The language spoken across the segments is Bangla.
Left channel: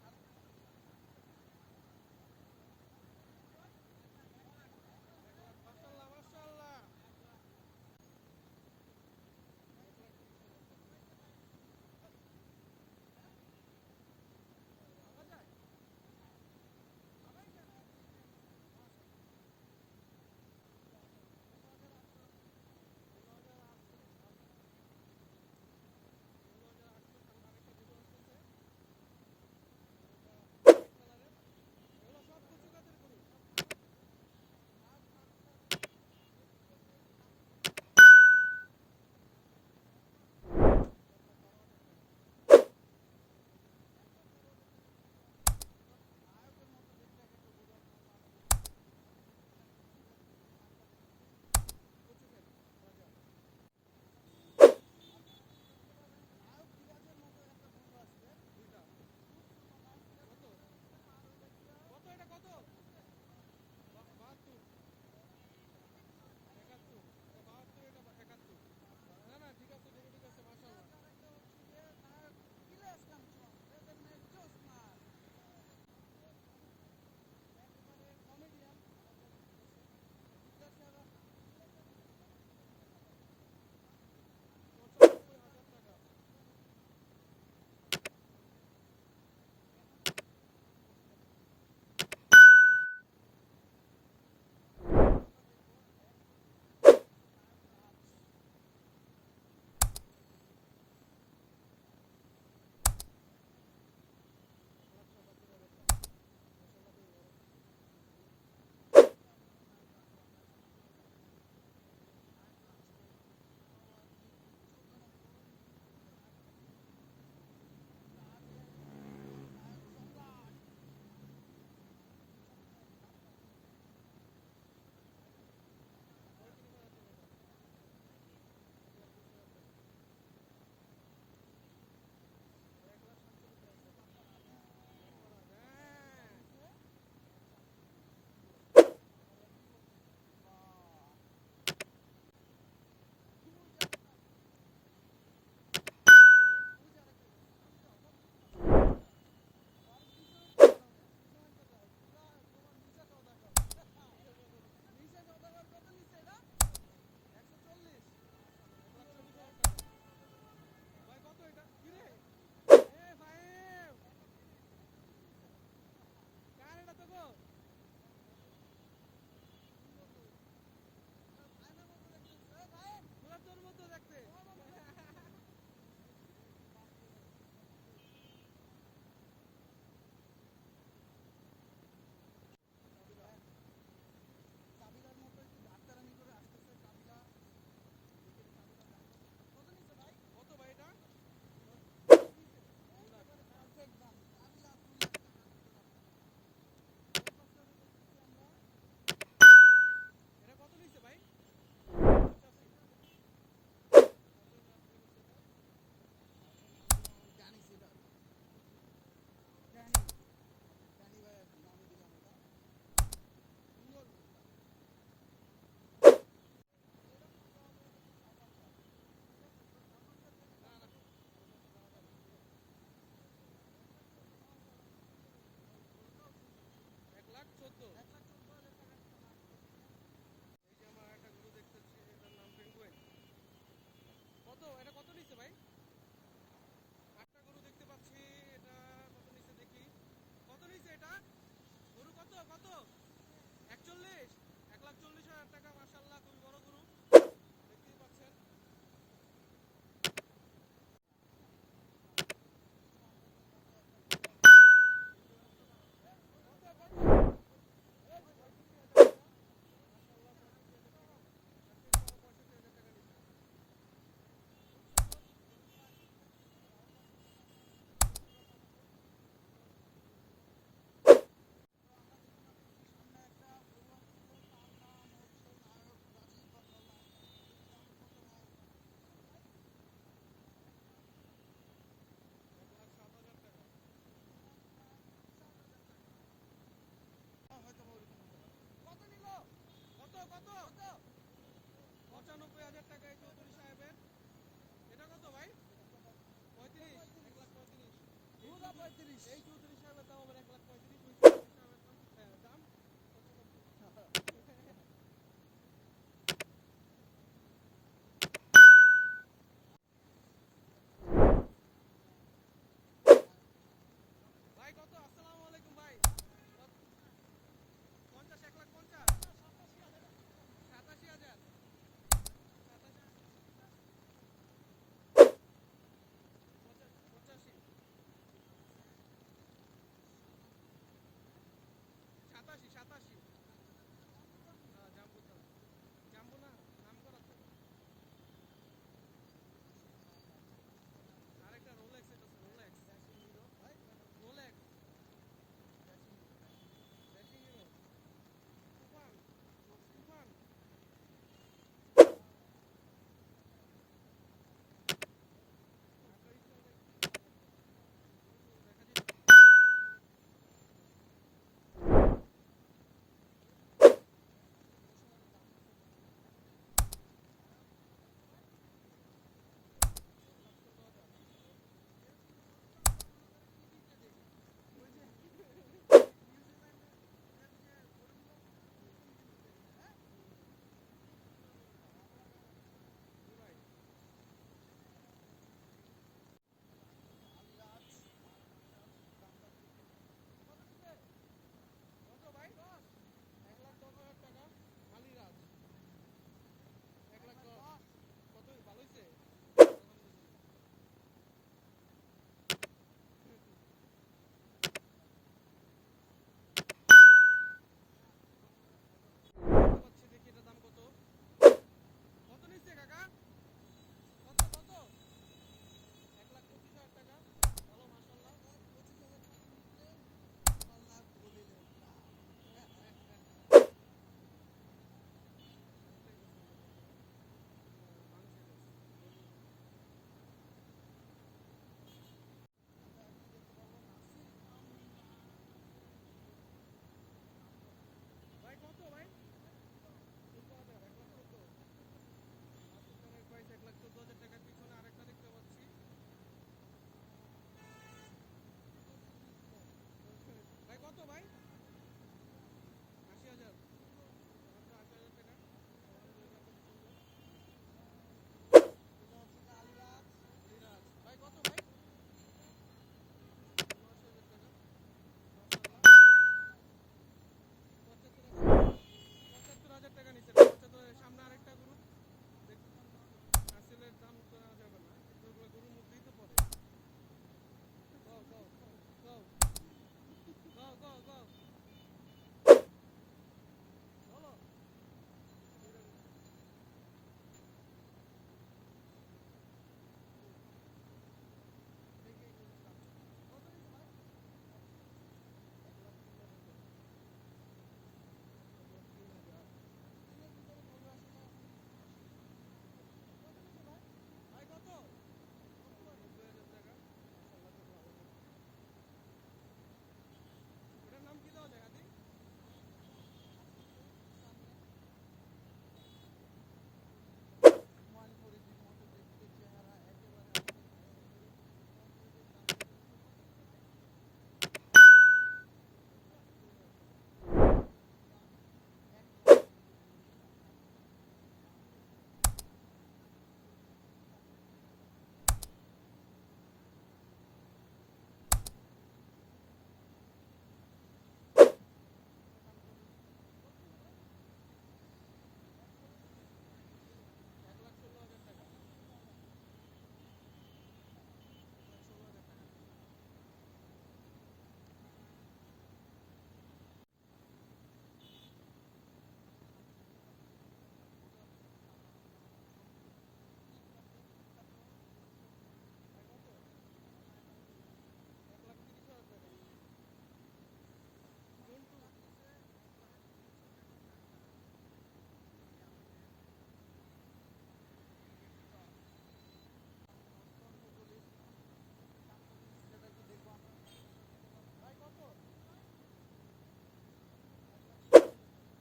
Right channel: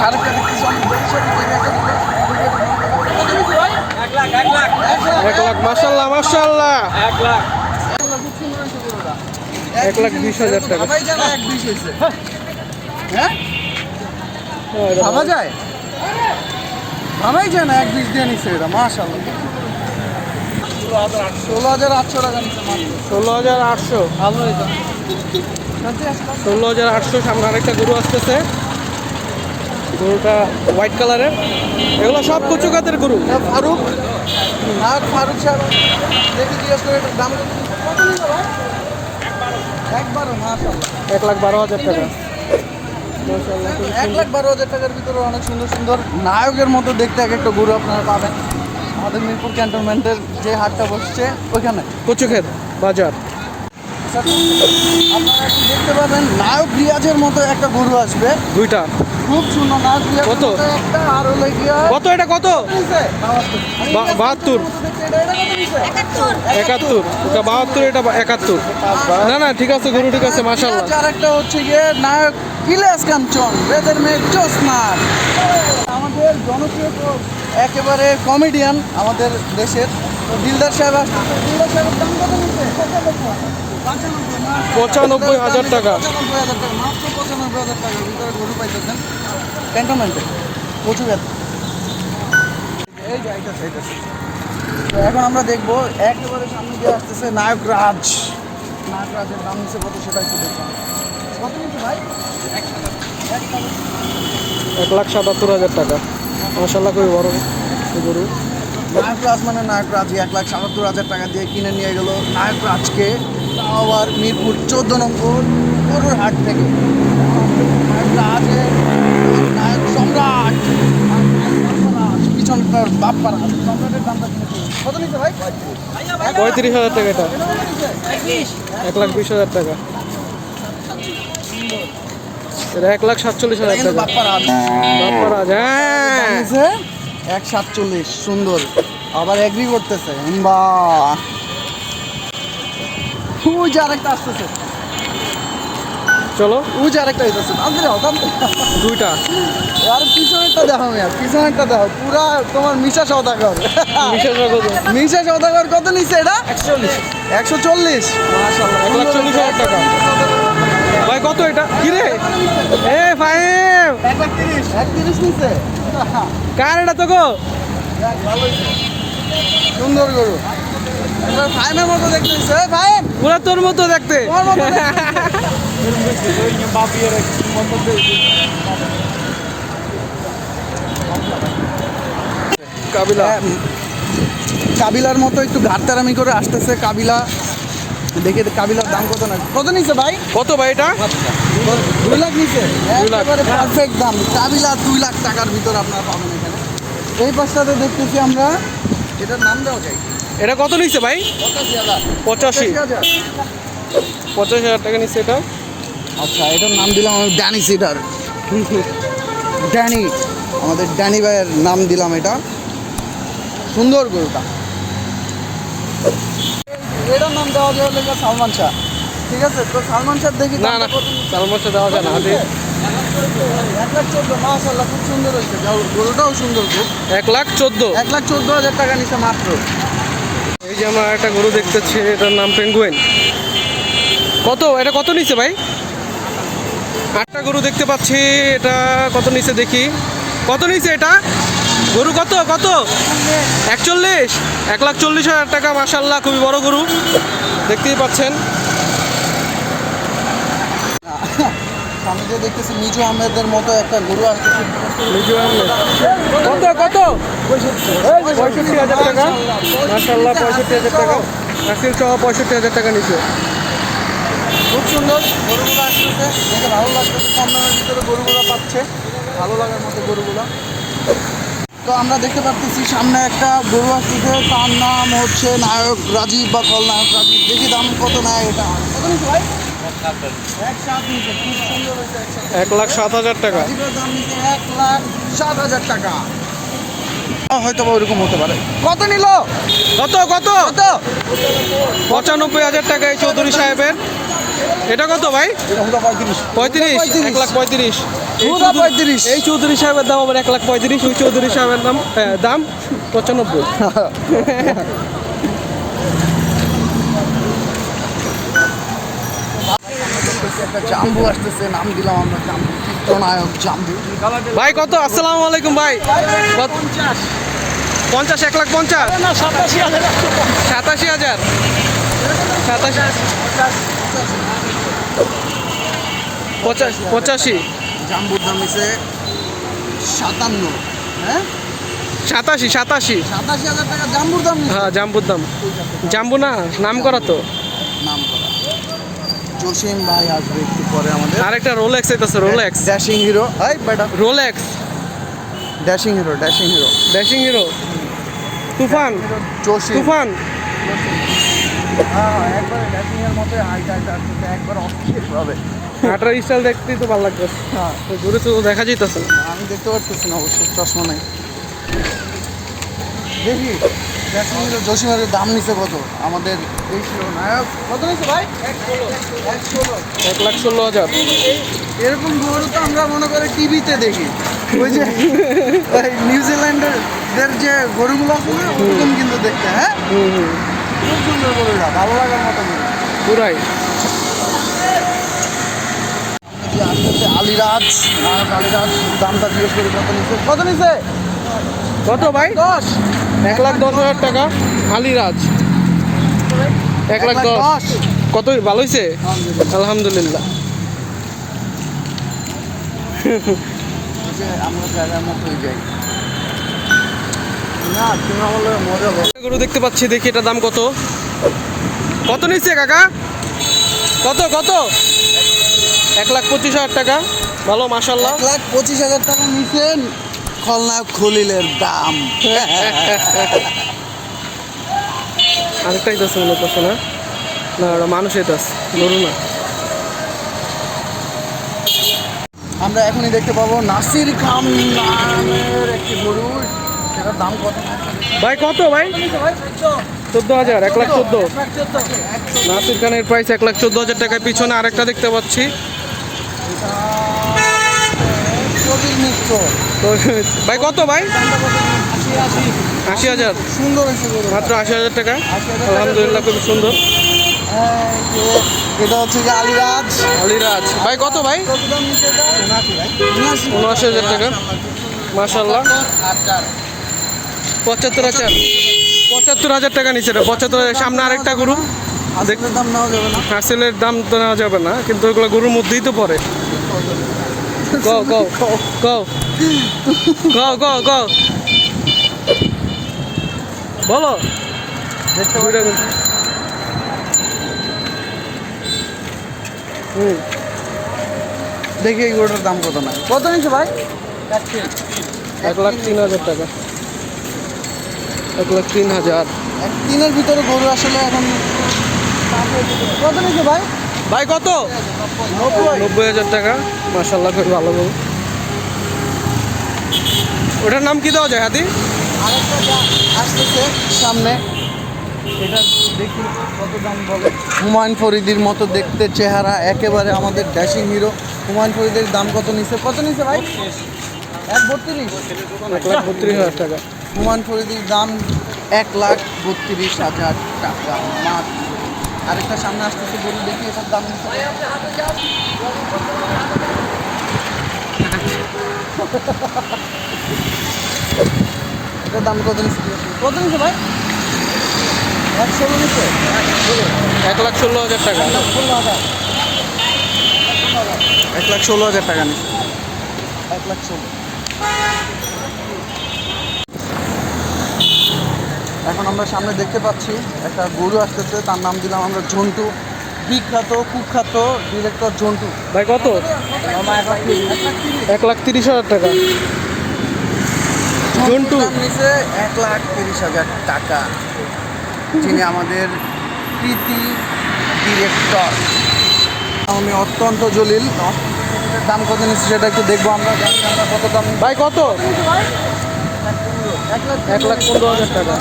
আরেকটা দেখতেছি অনেক? এক লাখ। এক লাখ মাসাল্লাহ মাসাল্লাহ এক লাখ। এক বিশ হাজার টাকা। হ্যাঁ ভাবা যায় ভাবাই যায় না এক বিশ দিয়ে নিচ্ছে এটা মাশাল্লাহ ষোলো হাজার আটশো টাকা ষোলো হাজার আটশো ভালো ষোলো হাজার আটশো সামনে আরেকটা গরু আসতেছে গরুটা হোয়াইট কালারের এগুলো সব কচু গাতের গরু ফারুক। আর ফারুক সাহেব দেখি জিজ্ঞেস করে দাম মাশাল্লাহ এক লাখ বারো হাজার টাকা। এক লাখ বারো হাজার টাকার ভিতরে অনেক সুন্দর সুন্দর নায়কের মতো দেখতে এক একটা গরু আপনারা পাবেন। আমাদের মিরপুর ক্যান্টনমেন্টের যে হাটটা বসছে ওইখানে। কচু ক্ষেত বাজার। আপনারা দেখতে পাবেন নায়ক রিয়াজের মতো একটা গরু আসবে। দুইটা। খুব সুন্দর নায়ক রিয়াজের কত? একটা আর হলো গিয়া কত এটা কত? বাহাত্তর। একাত্তর। এটা বাহাত্তর এটা একাত্তর। না না ঠিক আছে গরু ঠিক আছে মাসাল্লাহ আর একটা হচ্ছে গিয়ে নায়ক ইলিয়াস কাঞ্চন বেদের মেয়ে জোসনার। আমাদের জনপ্রিয় তো একেবারে কমেডিয়ান আমাদের দেশের। দিলদার সাহেব আসছে। দিলদার সাহেবের দাম কত নিচ্ছে? পঁচানব্বই হাজার টাকা। পঁচানব্বই হাজার টাকা মাত্র পঁচানব্বই হাজার টাকার ভিতরে গরু পাইতেছেন ক্যান্টনমেন্টে প্রচুর এই যে এইটাছে, এইটাছে। এখন আমরা দেখব একেবারে সামনে দিয়ে আসতেছে নায়ক রাজ নায়ক রাজের দাম নিচ্ছে কত সেটা একটু দেখব। কত নিচ্ছে ভাই? এক লাখ সাতাত্তর হাজার টাকা। মাসাল্লাহ খুবই বড় গরু। নায়ক রাজ মানে নায়ক রাজ এক লাখ সাতাত্তর হাজার টাকা দিয়ে কিনে নিয়ে গেল নায়ক রাজকে তাও আবার মিরপুর চোদ্দ নম্বর গরুর হাট থেকে। রাজের নায়ক সম্রাট। পিছনটার বাপ্পার সম্রাটের দামটা কত নিচ্ছে ভাই? পঁয়ত্রিশ হাজার টাকা এটা? এক লাখ বিশ হাজার টাকা। এটা এক লাখ সাতচল্লিশ হাজার টাকা। বাপ্পারাজ বাপ্পারাজ হ্যাঁ। এক সাতচল্লিশ সুন্দর। আবার এগ্রি করতেছে। বা ওই যে আরেকটা আসতেছে চলো। ওই যে আরেকটা আসতেছে তাড়াতাড়ি হও। দুইটা। আর পিছনেরটা দেখো মিয়া পিছনেরটা দেখো পুরা তোমার মিশা সৌদাগর বিশেষ কত মিশা সৌদাগর কত নিচ্ছে এটা? একশো চল্লিশ। এক লাখ চল্লিশ হাজার টাকা। ভাই কত এটা? কিরে? এ ফাইম এক লাখ তিরিশ এক তিরিশ নিচ্ছে। কার এটা তো গো সুন্দর গরু। একবার মতো দেখতে দিচ্ছে ফাইম তোর মতো দেখতে। কাবিলা। কাবিলার মতো একটু ঘাটতারামি করে আসতেছে কাবিলা। দেখে কাবিলার দাম কত না? কত নিচ্ছে ভাই? কত ভাই এটা? দুই লাখ। একেবারে পারফেক্ট দাম। কাবিলা দুই লাখ টাকার ভিতর আপনারা পাবেন এখানে। এই পাশটাতে দেখতেছি আমরা এটার নাম দেওয়া যায় এটা কত নিচ্ছে ভাই? পঁচাশি। পঁচাশি হাজার। টাকা নিচ্ছে এটা। আচ্ছা এটার নাম দিলাম আমি ড্যানি সিডার। ড্যানি আমাদের ড্যানি ভাইয়ের নাম দিলাম এটা। সুন্দর গরুটা। এটার নাম দেওয়া যায় সালমান শাহ। ঠিক আছে তো সালমান শাহ দেখি না না চালমাসটা দেওয়া যায় না এক লাখ চোদ্দ মাসাল্লাহ খুব সুন্দর হয়েছে। গরুটাও সুন্দর খুব। এক লাখ চোদ্দ। এক লাখ চোদ্দ হাজার টাকা নিচ্ছে মাত্র। এই যে আমরা একটা গরু দেখতেছি এটার নাম পেঙ্গুয়েন কত? এটা কত নিচে ভাই? আটটা গরু দেখতে পাচ্ছি, এটা কত নিচে দেখি। কত নিচে এটা? গরু কত? কত? একচল্লিশ। এক লাখ চল্লিশ হাজার টাকা মাসাল্লাহ খুবই বড় গরু। দেখতেই পাচ্ছেন। সামনে দিয়ে দেখতেছি মিজু আহমেদের মতো একটা গরু আসতেছে লিজু আহমেদ? কত কত? পঁয়ষট্টি হাজার টাকা। মাসাল্লাহ পঁয়ষট্টি হাজার টাকা। আসিল সহ পঁয়ষট্টি হাজার টাকা নিচ্ছে খুব সুন্দর গরুগুলো আসতেছে। দেখে ভালো লাগতেছে কম দামের ভিতরে গরুগুলো পাচ্ছে। ভালো লাগার মতো গরুগুলো। তো আমরা দেখতে পাচ্ছি সামনে একটা গরু আসতেছে। তার নাম হচ্ছে নায়ক রাজীব বা কল নায়ক রাজীব। দেখি দাম কত নেয় এটা। কত নিচ্ছে ভাই এক লাখ সাত হাজার টাকা। এক লাখ সাত হাজার টাকা হয়তো বা ওরকম হতে পারে। কত নিল? কত কত? কত? পঁচানব্বই হাজার টাকা এই চৌধুরী সাহেবের। এটা কত ভাই? পঁয়ত্রিশ। এক লাখ পঁয়ত্রিশ। পঁয়ত্রিশ। এই চৌধুরী সাহেবের দাম আবার এক লাখ পঁয়ত্রিশ ওই চৌধুরী সাহেবের দাম হ্যাঁ, দাম পঁচানব্বই। একটা জাম্বু আসতেছে নাম দিলাম আমরা জাম্বু চিত্রনায়ক জাম্বু। ভাই কত? আসসালামু আলাইকুম ভাই। কত? পঞ্চাশ এক লাখ পঞ্চাশ? সাতাশি হাজার। সাতাশি পঁচাশ পঁচাশি। জাম্বুর দাম হচ্ছে সাতান্ন হ্যাঁ? সাতাশি সাতাশি। সাতাশি হাজার টাকা জাম্বুর দাম। হ্যাঁ জাম্বুর দাম। জাম্বু না নাম করা তো। জসিম ভাই আসবে একটু পরে আমাদের। আরেকটা রোলেক্স আইতাছে রোলেক্স ড্যাশিং হিরো এই বেটা। Rolex dashing hero dashing hero dashing hero তুফান। জসিম তুফান। হ্যাঁ একবার ড্যাশিং এর মতো হাইট হাইট আসতেছে একবার অস্থির হবে হাঁটার স্টাইল দেখতেই তো ভালো লাগবে। হ্যাঁ। দূরে তো দেখা যাইতেছে আমি দেখতে পারতেছি না অবশ্য চশমা নাই। দেখি। জসিমের দাম নিছে কত? আমাদের এই ছিল নায়ক। কত নিছে ভাই? এক লাখ ষোলো হাজার। এরকম গরু তো আমরা মনে করি টিভিতে দেখি। ওই যে নিউজিল্যান্ডের দের যে গরুগুলো আছে না ওরকম কিন্তু দেখতে হ্যাঁ? খুব সুন্দর গরুটা ভালো লাগার মতো গরু। পুরাই। আসতেছে আলিরাজ আলিরাজ দামটা জিজ্ঞেস করি কত নিছে কত নিছে কত ভাই? দশ। এক লাখ দশ হাজার টাকা আলিরাজ এক লাখ দশ। কত ভালো হয়েছে আলহামদুলিল্লাহ। গরু দেখতে পাচ্ছি দেখি এটার দাম কত। কত নিচ্ছে কাকা? কত কত? এক লাখ পঁচিশ হাজার টাকা। ভালো মাসাল্লাহ এক লাখ পঁচিশ হাজার টাকা নিছেন। খলনায়ক খলিলের দাম। আরেকটাই দাস মনে করছে না? না ওটা মানুষের দাস গরু না। আমরা এখনই দেখতে পাবো নাসির খান নামের একটি গরু। সেটার দাম কত? ভাই কত ভাই? চোদ্দ হাজার এক লাখ চোদ্দ। নাসির খানের প্রাইস এক লাখ চোদ্দ হাজার টাকায়। পিছনে আরেকটা দেখতে পাচ্ছি। কবির মিত্র। ভাই কত ভাই? আশি হাজার। সুন্দর মাত্র আশি হাজার টাকা? 80,000 টাকা আলহামদুলিল্লাহ খুব সুন্দর। এটা হচ্ছে আলিরাজ। আলিরাজ। ভাই কত ভাই? উনআশি হাজার। টাকা। মাশাল্লাহ আচ্ছা। পঁচাত্তর হাজার। পঁচাত্তর হাজার টাকা নিচে পঁচাত্তর হাজার। সামনে আরেকটা গরু। আসলের দাম নেওয়া যাবে না। হাসিলের দাম তো নেওয়া যাবে না কিন্তু ওগুলো গরুর মধ্যেই তো পড়ে। কও কও কও কও কও কও বলো দেখি এই গরুটার দাম কত না? কত নিচ্ছে ভাই? এক লাখ তিন হাজার টাকা। এক লাখ তিন হাজার। এক দিনের ভিতরে গরু আসলে এখন কত নিচ্ছে ভাই? ভাই কত? নব্বই হাজার টাকা। মাসাল্লাহ খুব ভালো গরু ওটার নাম কি দেওয়া যায় হাতি? আসতেছে সামনে এটা দেখি কত দাম বলে। হুমায়ুন ফরিদির মতো দেখতে চেহারা একেবারে আমাদের ড্যাশিং হিরো। হুমায়ুন ফরিদের দাম কত নিছে? কত নিছে ভাই? এক বত্রিশ। এক লাখ বত্রিশ হাজার টাকা। হুমায়ুন ফরিদির দাম এক লাখ বত্রিশ হাজার টাকা। মাত্র। আরেকটা সামনে আসতেছে গরু দেখি এটার দাম এটার দাম কত নিচ্ছে? কত নিচ্ছে ভাই? এক ষোলো নিচ্ছে এক লাখ ষোলো হাজার টাকা। ষোলো হাজার। এক লাখ ষোলো হাজার টাকা নিচ্ছে। এক লাখ ষোলো। এখন আমরা সামনে দেখতে পাচ্ছি একটা গরু আসতেছে তার নাম দিলাম আমরা ঝন্টু। বিখ্যাত কুখ্যাত ডিরেক্টর ঝন্টু। ভাই কত? এক লাখ তিরিশ হাজার টাকা। ঝন্টু। এক লাখ তিরিশ হাজার টাকা। যিনি আমাদের প্রীতি ডিরেক্টর আমি অত্যন্ত জলিল। দাম কত নিচ্ছে সেটা একটু দেখব আমরা। কত? দাম ভাই কত? এক লাখ পনেরো হাজার টাকা।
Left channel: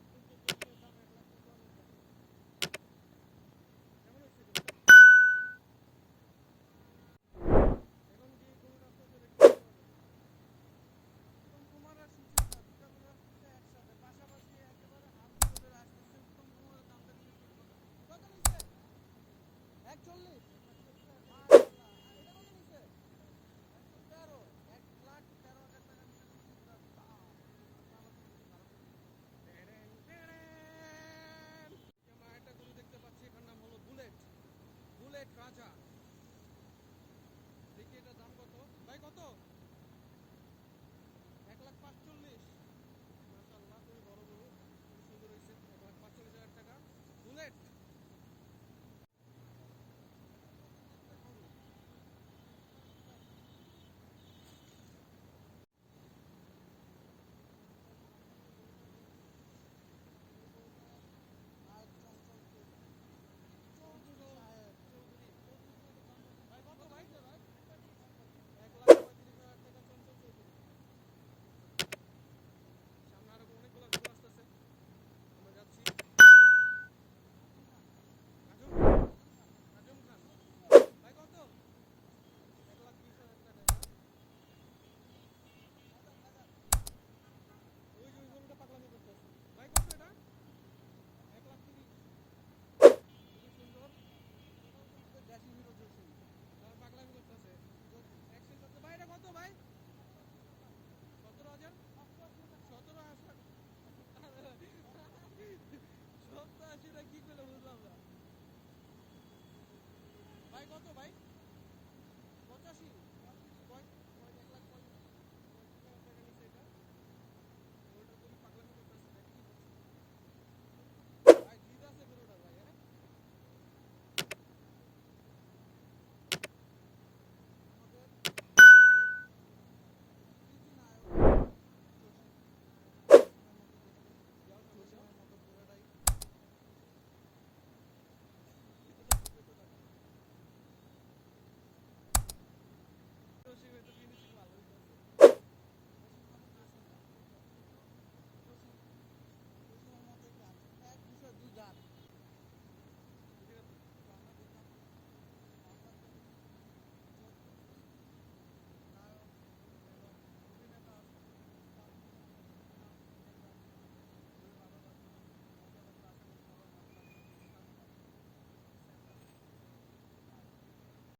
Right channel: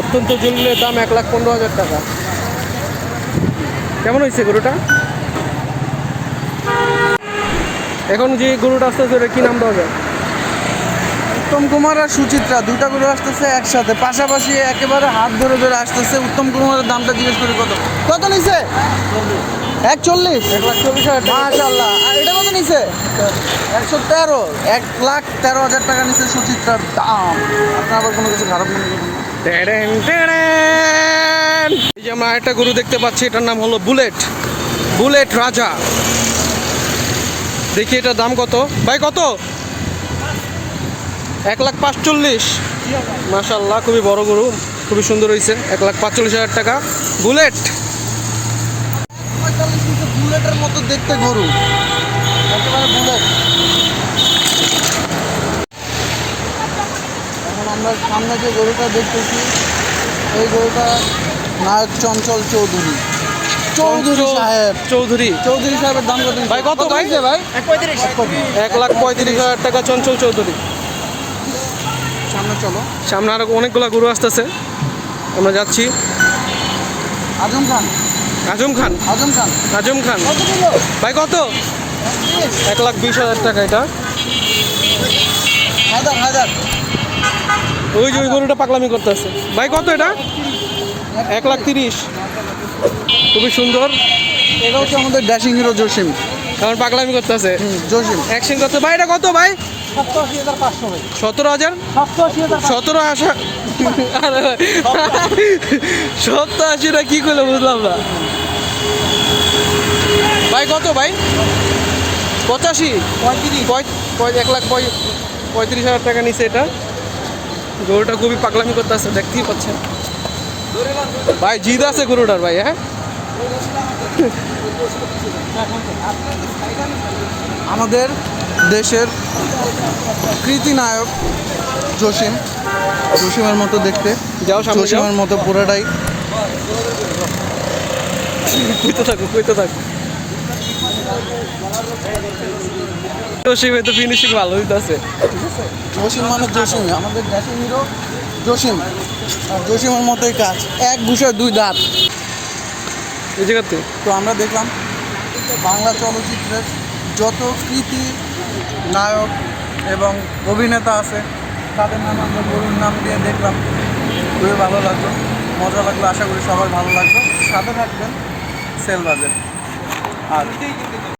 অত্যন্ত জরুরির দাম এক লাখ পনেরো হাজার টাকা। কেমন হয়েছে গরুটা? এখন যে গরুটা আসতেছে ওটা কি নাম দেওয়া যায়? উত্তম কুমার আর সুচিত্রা দুইটা গরু আসতেছে একসাথে। পাশাপাশি একেবারে হাত ধরে ধরে আসতেছে। উত্তম কুমারের দামটা জিজ্ঞেস করি কত? কত নিছে? এক চল্লিশ এক লাখ চল্লিশ হাজার মাশাল্লাহ আর এটা কত নিছে? একশো তেরো। এক লাখ তেরো হাজার টাকা নিছে সুচিত্রার দাম। আপনার আবার কোনো কিছু খারাপ মনে করবেন। এই যে আমরা একটা গরু দেখতে পাচ্ছি, এটার নাম হলো বুলেট। বুলেট রাজা। দেখি এটার দাম কত। ভাই, কত? এক লাখ পাঁচচল্লিশ। মাশাল্লাহ খুবই বড় গরু। খুবই সুন্দর হয়েছে এক লাখ পাঁচচল্লিশ হাজার টাকা। বুলেট। বুলেটের মতো দেখতে গরু। একেবারে বুলেট। আমরা সামনে যে গরুটা দেখতেছি এই গরুটা নায়ক চঞ্চল চৌধুরী। চৌধুরী সাহেব। চৌধুরী। চৌধুরী সাহেবের দাম কত? ভাই, কত ভাই? ভাই? এক লাখ পঁয়ত্রিশ হাজার টাকা চঞ্চল চৌধুরী। সামনে চলো। সামনে আরও অনেকগুলো গরু আসতেছে। আমরা যাচ্ছি। আজম খান। আজম খান? আজম খান। আজম খান। ভাই কত? এক লাখ বিশ হাজার টাকা এটা। হায়দার হায়দার। ওই যে ওই গরুটা পাগলামি করতেছে। ভাই কত এটা? এক লাখ তিরিশ। খুবই সুন্দর। এটা হচ্ছে আমাদের ড্যাশিং হিরো জসিম। কারণ পাগলামি করতেছে। জসিম। অ্যাকশন করতে ভাই এটা কত ভাই? সতেরো হাজার? সতেরো আসা সপ্তাহ আশিটা কি করলে বুঝলাম না। ভাই কত ভাই? পঁচাশি? পঁয়ত্রিশ। পঁয়- পঁয়- এক লাখ পঁয়- পঁয়ত্রিশ হাজার টাকা নিছে এটা। গরুটা খুবই পাগলামি করতে আসছে দেখতেই পাচ্ছেন। ভাই জিদ আছে গরুটার ভাই হ্যাঁ? আমাদের দেশের কৃতি নায়ক জসিম জসিমের মতো দেখতে। যাও জসিমের মতো পুরোটাই। কইতে থাকো কইতে থাকো। জসিম তো ফিনিশিং ভালো হইতাছে। জসিম মানে জসিম আমাদের ড্যাশিং হিরো জসিম। আর জসিমের মতোই কাজ এক ঘুষায় দুই দাঁত। এই জায়গাতে তো আমরা দেখলাম বাংলা চলচ্চিত্রের যত কৃতি নায়ক এবং অভিনেতা আছে তাদের নাম আমরা গরুর নাম দিয়ে দেখলাম। খুবই ভালো লাগল মজা লাগল আশা করি সবার ভালো লাগল। সাথে থাকবেন সেল বাজেট আর